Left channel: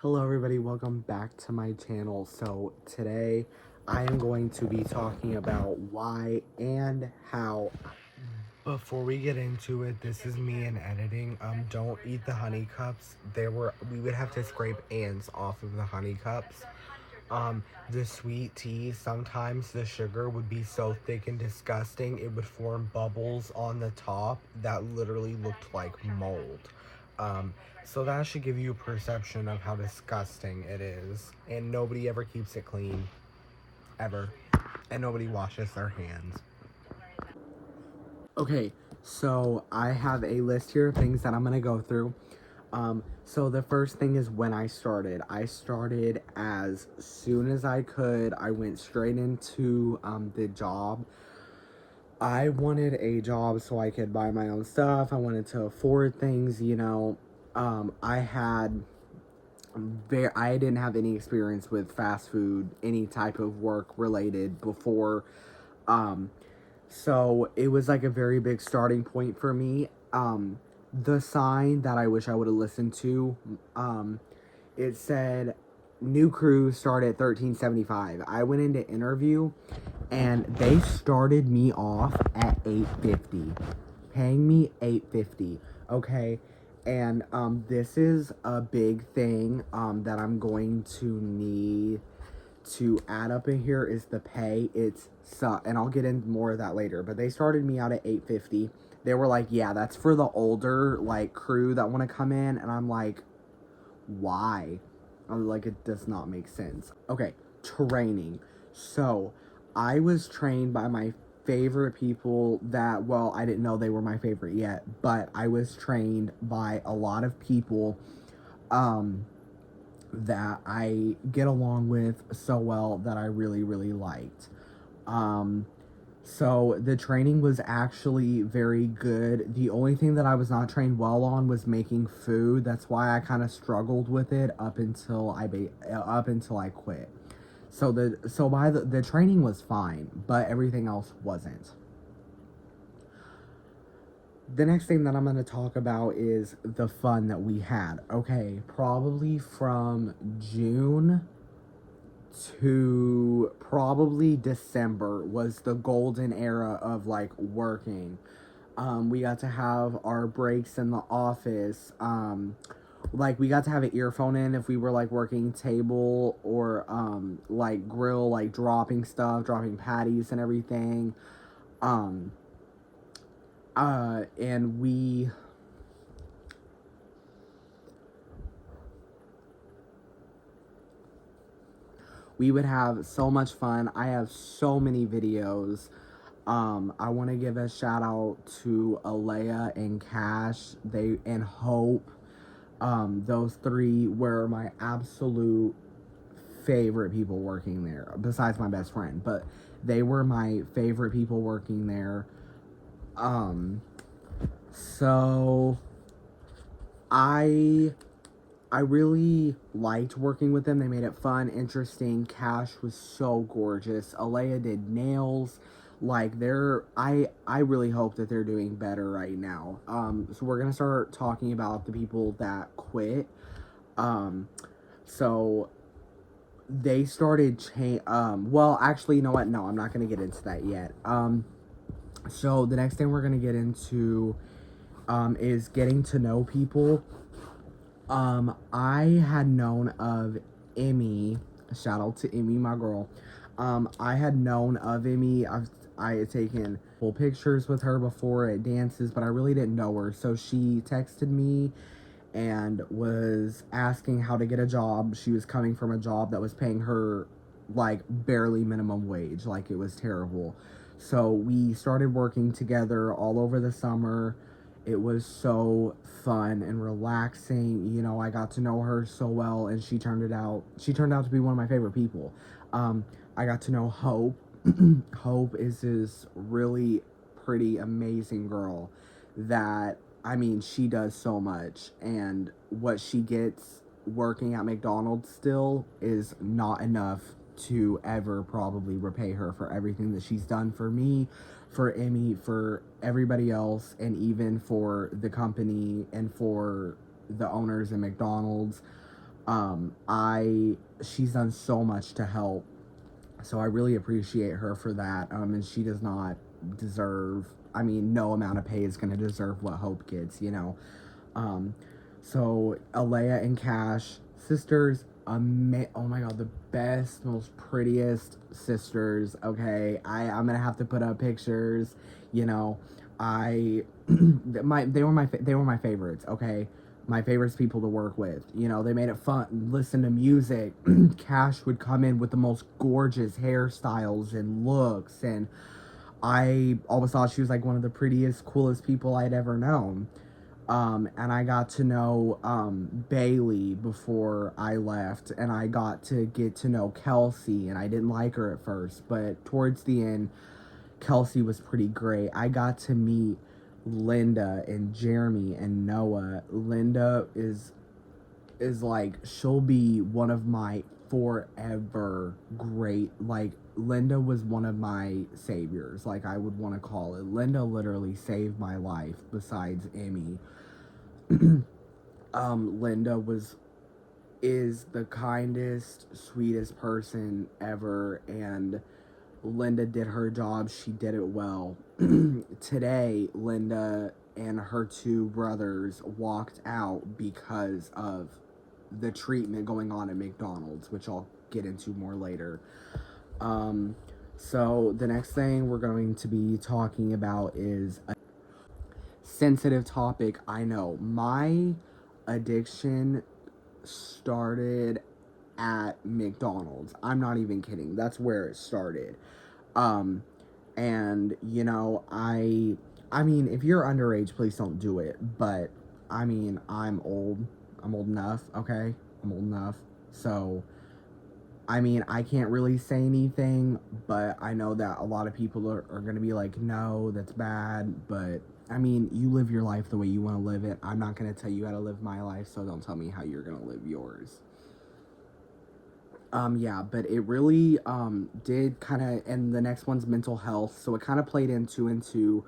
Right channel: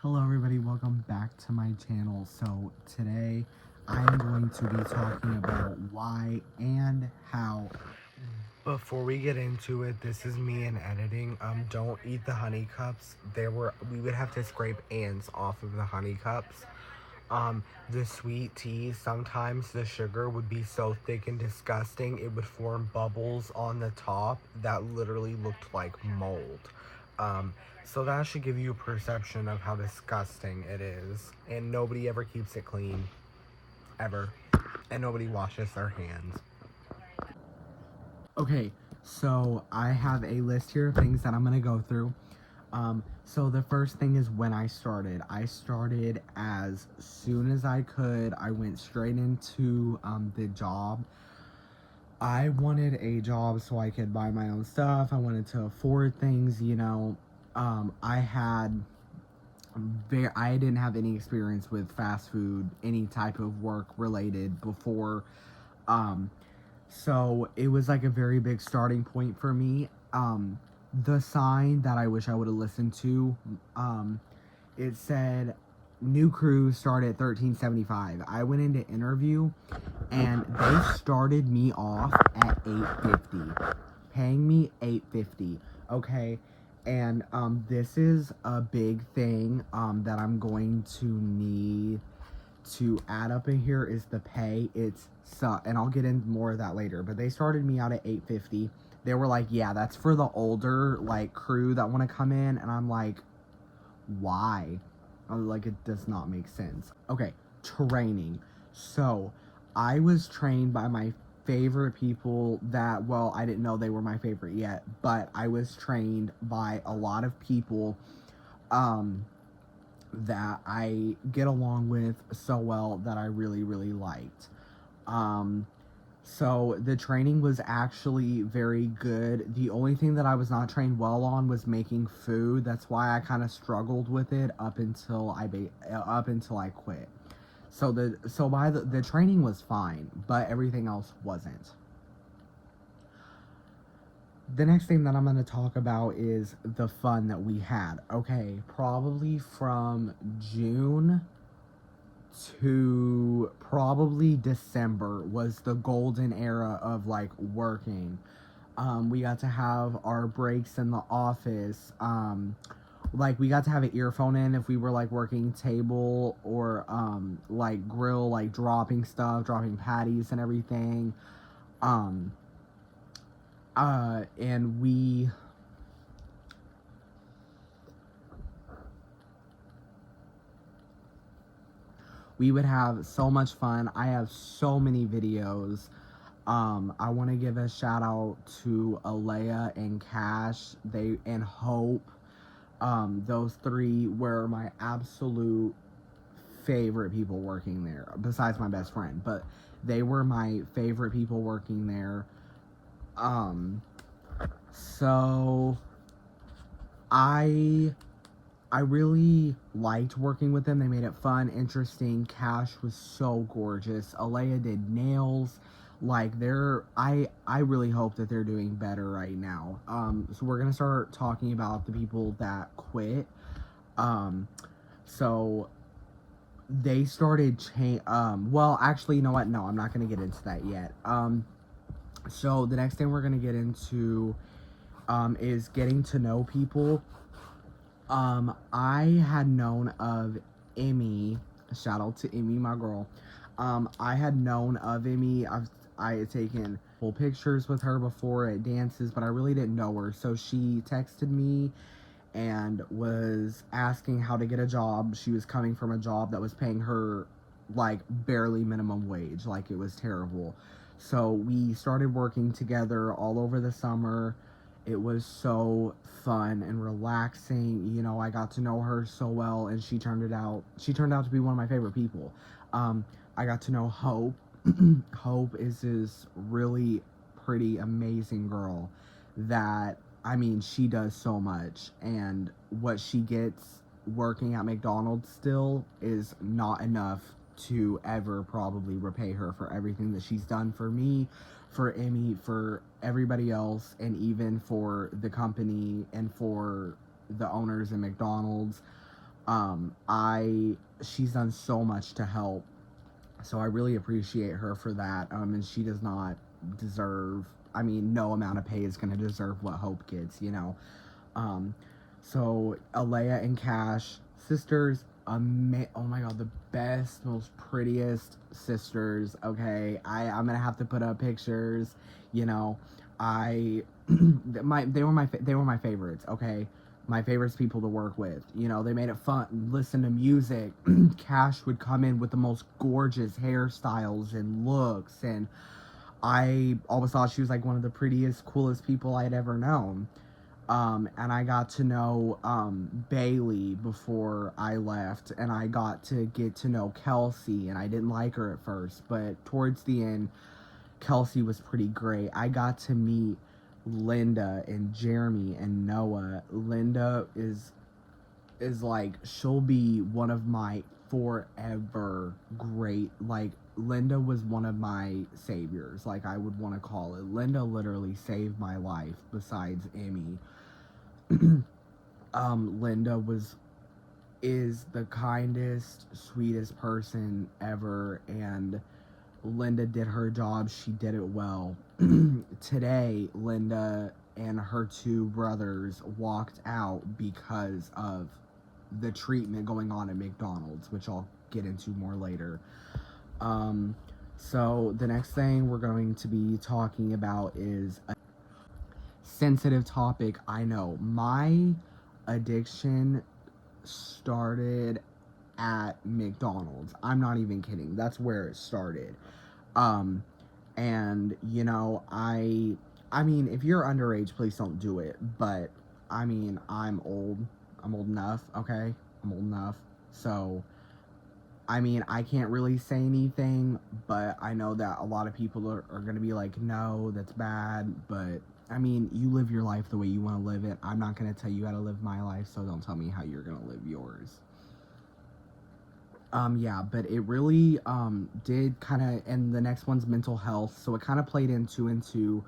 Hello everybody, welcome back to my channel. So today I am going to be talking about why and how. Before we get into it, this is me in editing. Don't eat the honey cups. We would have to scrape ants off of the honey cups. The sweet tea, sometimes the sugar would be so thick and disgusting it would form bubbles on the top that literally looked like mold. Um, so that should give you a perception of how disgusting it is. And nobody ever keeps it clean. Ever. And nobody washes their hands. Okay, so I have a list here of things that I'm gonna go through. So the first thing is when I started. I started as soon as I could. I went straight into the job. I wanted a job so I could buy my own stuff. I wanted to afford things, you know. I didn't have any experience with fast food, any type of work related before. So it was like a very big starting point for me. The sign that I wish I would have listened to, it said new crew start at $13.75. I went into interview and they started me off at $8.50, paying me $8.50. Okay, and this is a big thing that I'm going to need to add up in here is the pay. And I'll get into more of that later, but they started me out at $8.50. They were like, yeah, that's for the older like crew that want to come in, and I'm like, why? I'm like, it does not make sense. Okay, training. So I was trained by my favorite people that, well, I didn't know they were my favorite yet, but I was trained by a lot of people that I get along with so well that I really, really liked. So the training was actually very good. The only thing that I was not trained well on was making food. That's why I kind of struggled with it up until I quit. So the training was fine, but everything else wasn't. The next thing that I'm going to talk about is the fun that we had. Okay, probably from June to probably December was the golden era of like working. We got to have our breaks in the office. Like we got to have an earphone in if we were like working table or like grill, like dropping patties and everything. And we would have so much fun. I have so many videos. I want to give a shout out to Alea and Cash, and Hope. Those three were my absolute favorite people working there, besides my best friend, but they were my favorite people working there. So I really liked working with them. They made it fun, interesting. Cash was so gorgeous. Alea did nails. Like I really hope that they're doing better right now. So we're gonna start talking about the people that quit. So they started well, actually, you know what? No, I'm not gonna get into that yet. So the next thing we're gonna get into is getting to know people. I had known of Emmy. Shout out to Emmy, my girl. I had known of Emmy. I had taken full pictures with her before at dances, but I really didn't know her. So she texted me and was asking how to get a job. She was coming from a job that was paying her like barely minimum wage. Like it was terrible. So we started working together all over the summer. It was so fun and relaxing. You know, I got to know her so well, and she turned out to be one of my favorite people. I got to know Hope. Hope is this really pretty, amazing girl that, I mean, she does so much, and what she gets working at McDonald's still is not enough to ever probably repay her for everything that she's done for me, for Emmy, for everybody else, and even for the company and for the owners of McDonald's. She's done so much to help, so I really appreciate her for that. And she does not deserve, I mean, no amount of pay is going to deserve what Hope gets, you know. Um, so Alea and Cash, sisters, oh my god, the best, most prettiest sisters. Okay, I'm gonna have to put up pictures. You know, I they were my favorites. Okay, my favorites people to work with. You know, they made it fun. Listen to music. Cash would come in with the most gorgeous hairstyles and looks, and I always thought she was like one of the prettiest, coolest people I'd ever known. And I got to know Bailey before I left, and I got to get to know Kelsey, and I didn't like her at first, but towards the end, Kelsey was pretty great. I got to meet Linda and Jeremy and Noah. Linda is like, she'll be one of my forever great, like, Linda was one of my saviors, like I would want to call it. Linda literally saved my life besides Emmy. Linda is the kindest, sweetest person ever, and Linda did her job. She did it well. Today, Linda and her two brothers walked out because of the treatment going on at McDonald's, which I'll get into more later. So the next thing we're going to be talking about is a sensitive topic. I know my addiction started at McDonald's. I'm not even kidding. That's where it started. And you know, I mean, if you're underage, please don't do it. But I mean, I'm old enough, okay? I'm old enough. So I mean, I can't really say anything, but I know that a lot of people are going to be like, no, that's bad. But I mean, you live your life the way you want to live it. I'm not going to tell you how to live my life, so don't tell me how you're going to live yours. Yeah, but it really did kind of, and the next one's mental health, so it kind of played into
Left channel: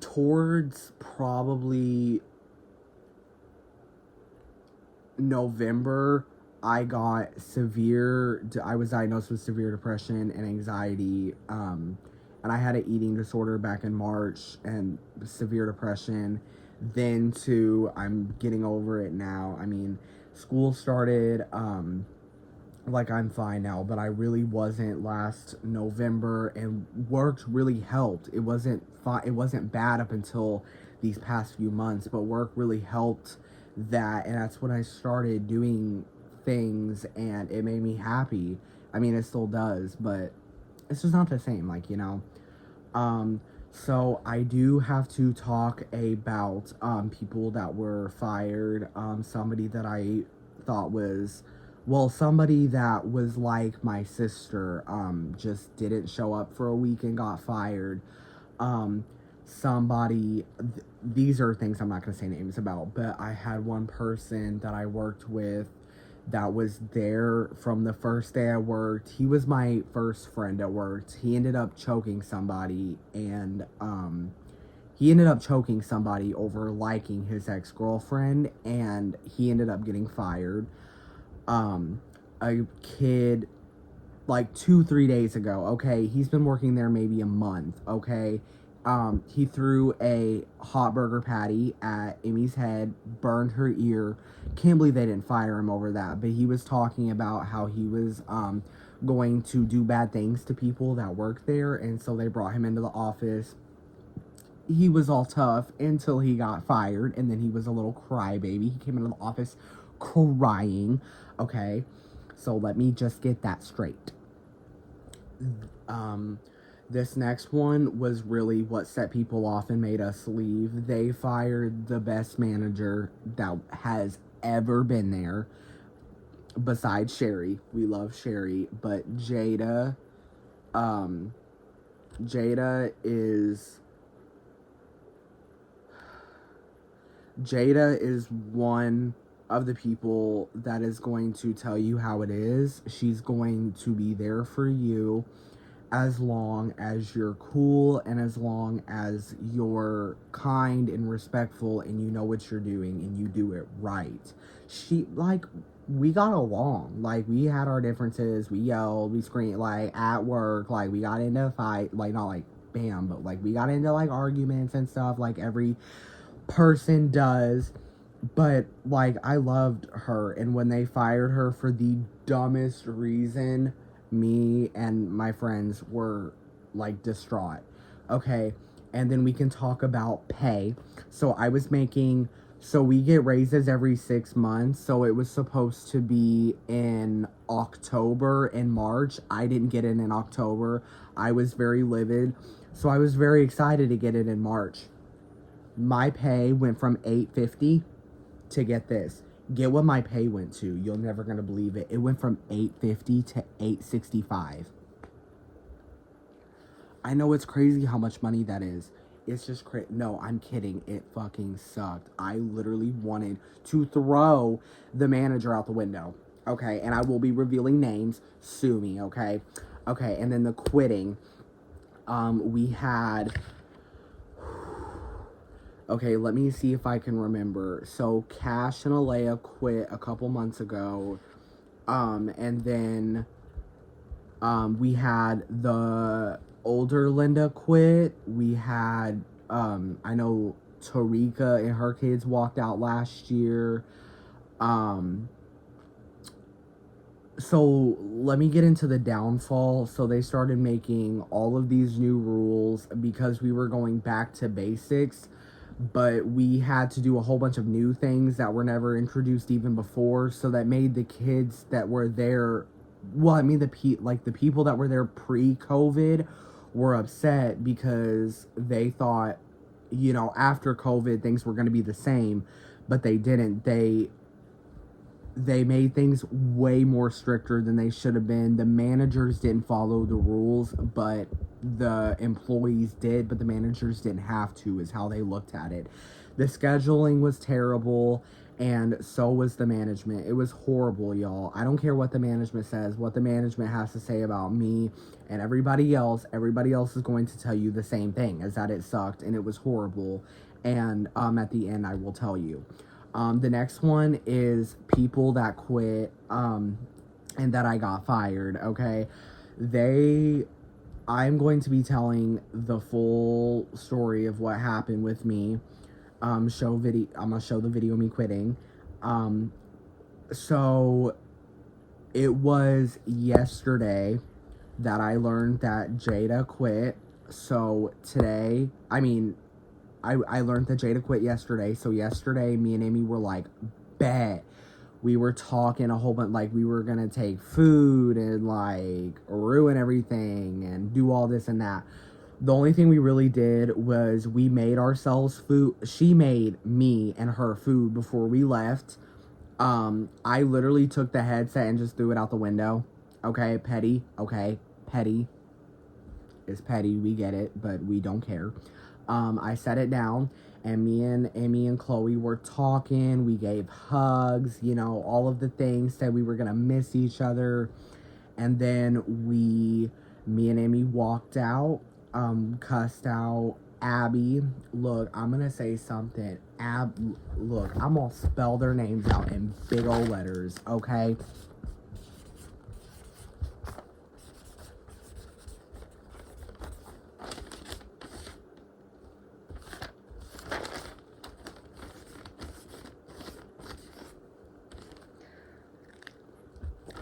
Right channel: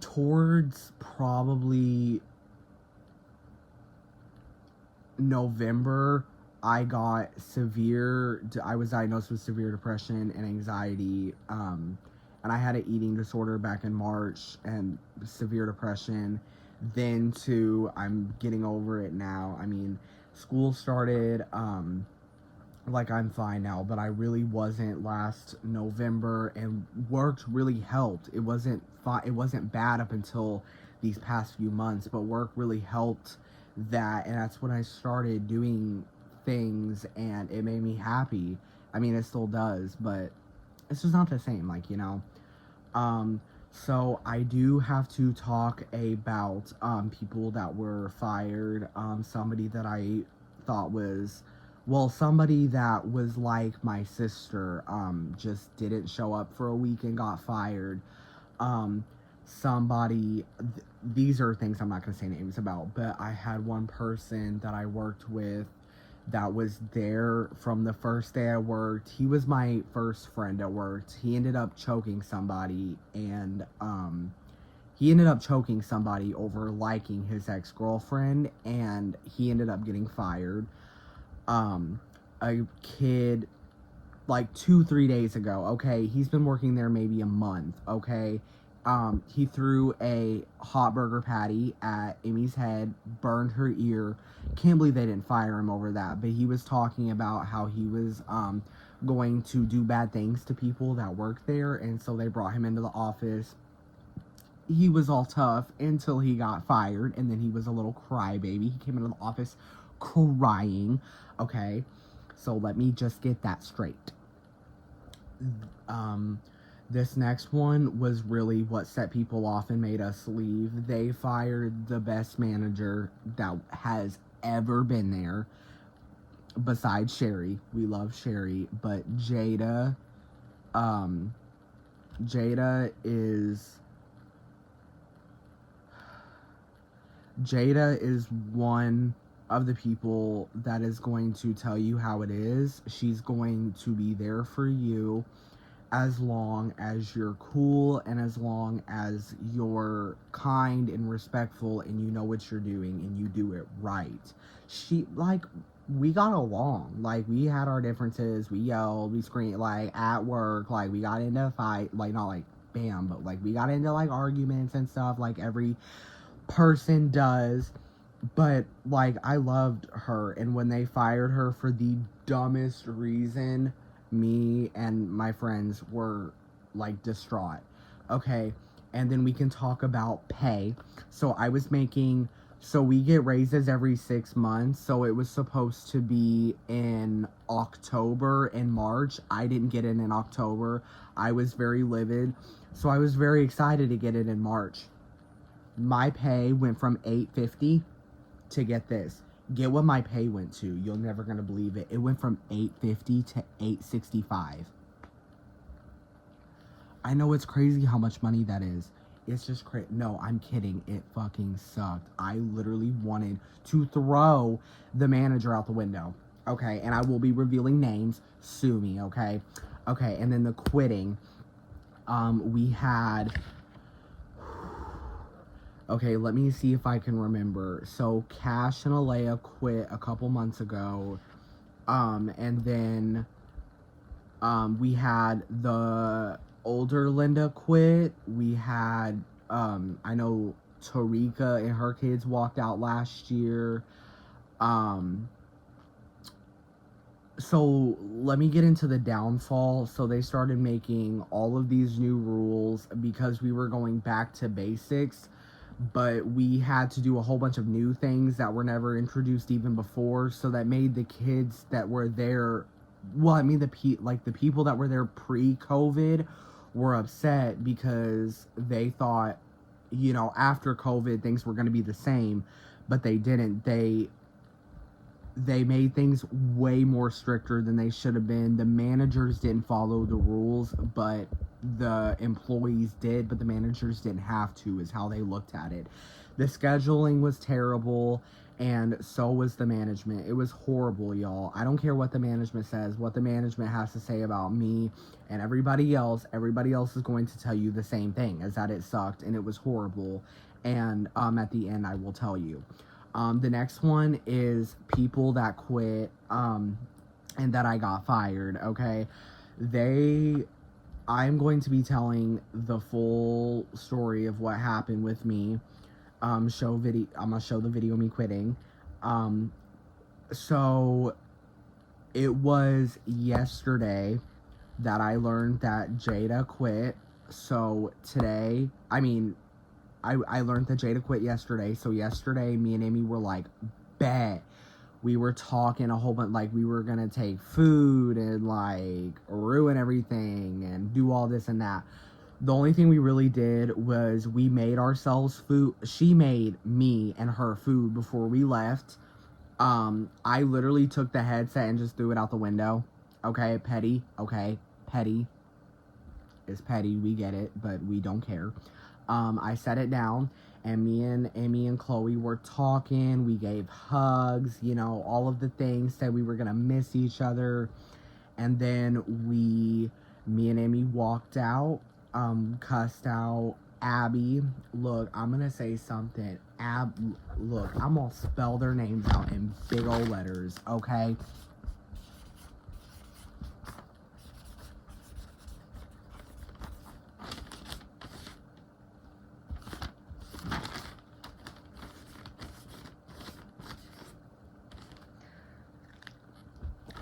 towards probably November. I was diagnosed with severe depression and anxiety, and I had an eating disorder back in March, and severe depression. Then I'm getting over it now. I mean, school started, like I'm fine now, but I really wasn't last November, and work really helped. It wasn't bad up until these past few months, but work really helped that, and that's when I started doing things, and it made me happy. I mean, it still does, but it's just not the same, like, you know. So I do have to talk about people that were fired. Somebody that I thought was, well, somebody that was like my sister, just didn't show up for a week and got fired. These are things I'm not going to say names about, but I had one person that I worked with that was there from the first day I worked. He was my first friend at work. He ended up choking somebody, and over liking his ex-girlfriend, and he ended up getting fired. A kid, like 2-3 days ago, okay, he's been working there maybe a month, okay. He threw a hot burger patty at Amy's head, burned her ear. Can't believe they didn't fire him over that, but he was talking about how he was going to do bad things to people that work there, and so they brought him into the office. He was all tough until he got fired, and then he was a little crybaby. He came into the office crying, okay? So let me just get that straight. This next one was really what set people off and made us leave. They fired the best manager that has ever been there, besides Sherry. We love Sherry, but Jada is one of the people that is going to tell you how it is. She's going to be there for you. as long as you're cool and as long as you're kind and respectful and you know what you're doing and you do it right. She, like, we got along. Like, we had our differences. We yelled, we screamed, like, at work. Like, we got into a fight. Like, not like, bam, but, like, we got into, like, arguments and stuff like every person does. But, like, I loved her. And when they fired her for the dumbest reason, me and my friends were, like, distraught. Okay, and then we can talk about pay. So I was making, so we get raises every 6 months. So it was supposed to be in October and March. I didn't get it in October. I was very livid. So I was very excited to get it in March. My pay went from $8.50 to, get this, get what my pay went to. You're never gonna believe it. It went from $8.50 to $8.65. I know it's crazy how much money that is. It's just crazy. No, I'm kidding. It fucking sucked. I literally wanted to throw the manager out the window. Okay, and I will be revealing names. Sue me, okay? Okay, and then the quitting. We had... Okay, let me see if I can remember. So, Cash and Alea quit a couple months ago. And then, we had the older Linda quit. We had, I know Tarika and her kids walked out last year. So, let me get into the downfall. So, they started making all of these new rules because we were going back to basics. But we had to do a whole bunch of new things that were never introduced even before, so that made the kids that were there, well, I mean, the people that were there pre-COVID were upset because they thought, you know, after COVID things were going to be the same, but they didn't. They made things way more stricter than they should have been. The managers didn't follow the rules, but the employees did, but the managers didn't have to, is how they looked at it. The scheduling was terrible, and so was the management. It was horrible, y'all. I don't care what the management says. What the management has to say about me and everybody else is going to tell you the same thing, is that it sucked and it was horrible. And at the end, I will tell you. The next one is people that quit, and that I got fired, okay? I'm going to be telling the full story of what happened with me. I'm gonna show the video of me quitting. So it was yesterday that I learned that Jada quit. So today, I learned that Jada quit yesterday. So yesterday, me and Amy were like, bet. We were talking a whole bunch, like, we were gonna take food and, like, ruin everything and do all this and that. The only thing we really did was we made ourselves food. She made me and her food before we left. I literally took the headset and just threw it out the window. Okay, petty. Okay, petty is petty. We get it, but we don't care. I set it down, and me and Amy and Chloe were talking. We gave hugs, you know, all of the things, said we were gonna miss each other. And then me and Amy walked out, cussed out Abby. Look, I'm gonna say something. Look, I'm gonna spell their names out in big old letters, okay?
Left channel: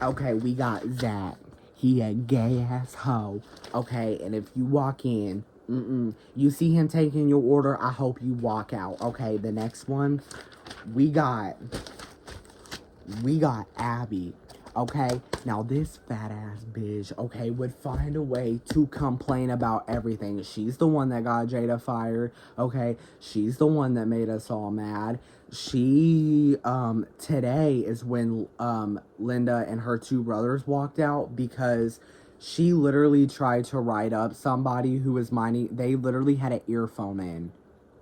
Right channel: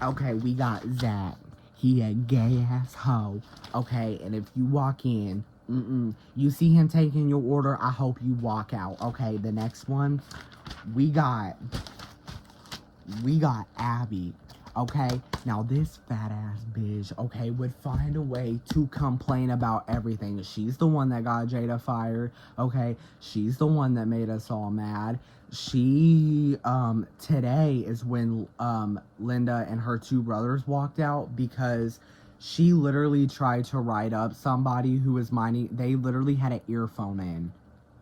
Okay, we got Zach. He a gay-ass hoe. Okay, and if you walk in, you see him taking your order, I hope you walk out. Okay, the next one, we got Abby. Okay, now this fat-ass bitch, okay, would find a way to complain about everything. She's the one that got Jada fired, okay? She's the one that made us all mad. She, today is when, Linda and her two brothers walked out because she literally tried to write up somebody who was minding, they literally had an earphone in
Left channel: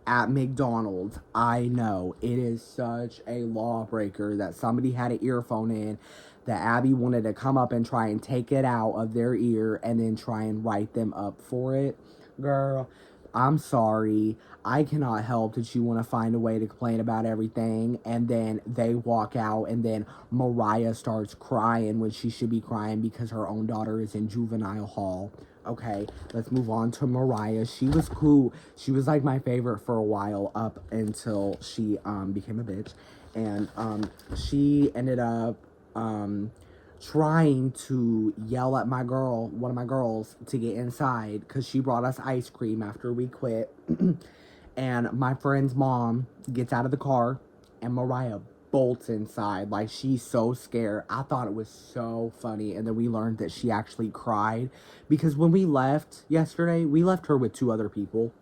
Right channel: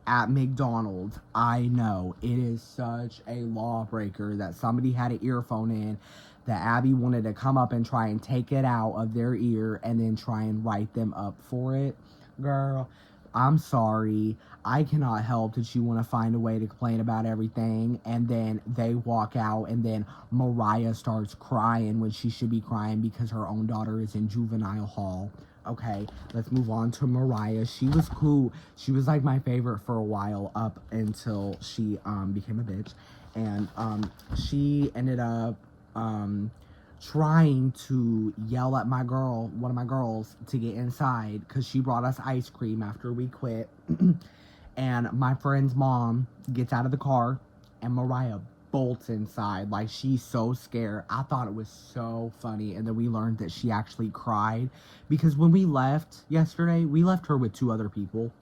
at McDonald's. I know, it is such a lawbreaker that somebody had an earphone in that Abby wanted to come up and try and take it out of their ear and then try and write them up for it. Girl, I'm sorry. I cannot help that you want to find a way to complain about everything, and then they walk out, and then Mariah starts crying when she should be crying because her own daughter is in juvenile hall. Okay, let's move on to Mariah. She was cool. She was like my favorite for a while up until she became a bitch, and she ended up trying to yell at one of my girls, to get inside because she brought us ice cream after we quit. And my friend's mom gets out of the car and Mariah bolts inside. Like, she's so scared. I thought it was so funny. And then we learned that she actually cried because when we left yesterday, we left her with 2 other people.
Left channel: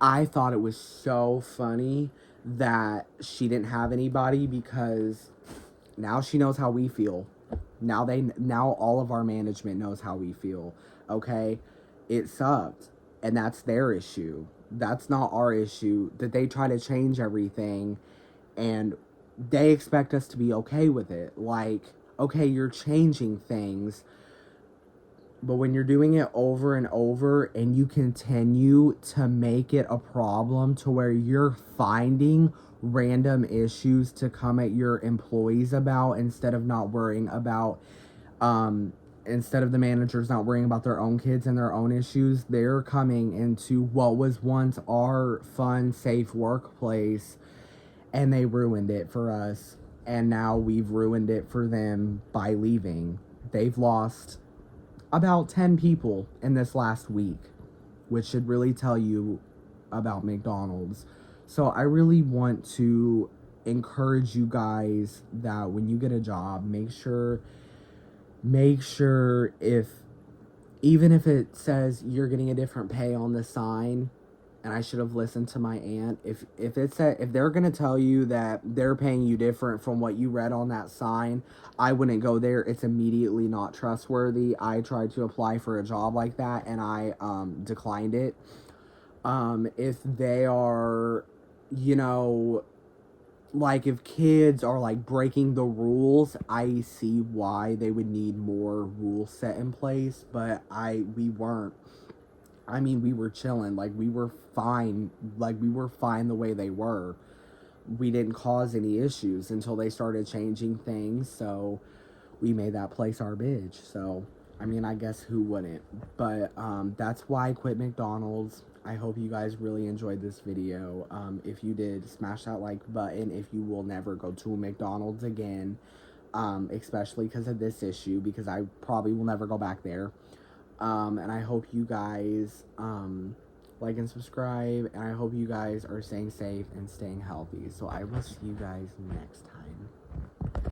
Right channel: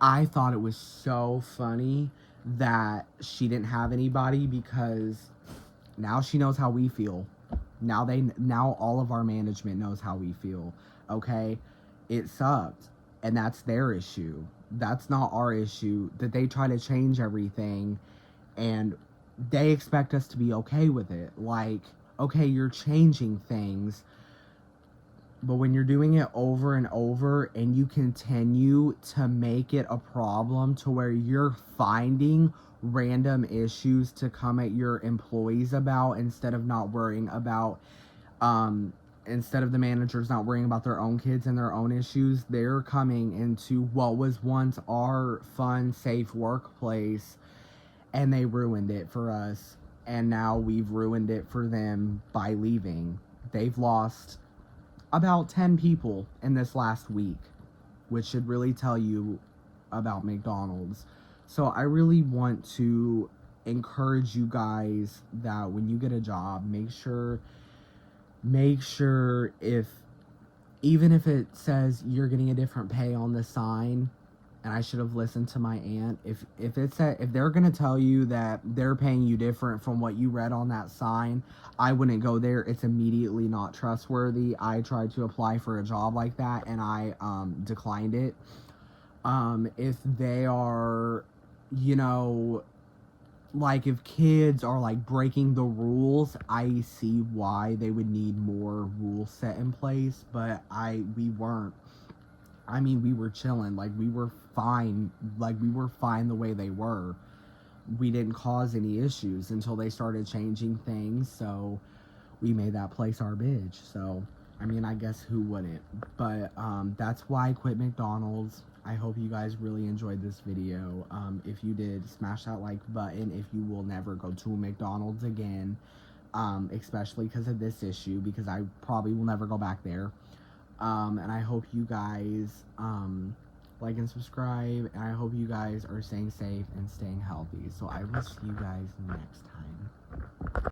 I thought it was so funny that she didn't have anybody because now she knows how we feel. Now all of our management knows how we feel. Okay? It sucked. And that's their issue. That's not our issue. That they try to change everything and they expect us to be okay with it. Like, okay, you're changing things, but when you're doing it over and over and you continue to make it a problem to where you're finding random issues to come at your employees about instead of not worrying about instead of the managers not worrying about their own kids and their own issues, they're coming into what was once our fun, safe workplace, and they ruined it for us. And now we've ruined it for them by leaving. They've lost about 10 people in this last week, which should really tell you about McDonald's. So I really want to encourage you guys that when you get a job, make sure even if it says you're getting a different pay on the sign, and I should have listened to my aunt, if they're gonna tell you that they're paying you different from what you read on that sign, I wouldn't go there. It's immediately not trustworthy. I tried to apply for a job like that and I declined it. If they are, like, if kids are like breaking the rules, I see why they would need more rules set in place, but we weren't. I mean, we were chilling, like we were fine the way they were. We didn't cause any issues until they started changing things, so we made that place our bitch. So I mean, I guess who wouldn't? But that's why I quit McDonald's. I hope you guys really enjoyed this video. If you did, smash that like button if you will never go to a McDonald's again, especially because of this issue, because I probably will never go back there. And I hope you guys like and subscribe, and I hope you guys are staying safe and staying healthy. So I will see you guys next time.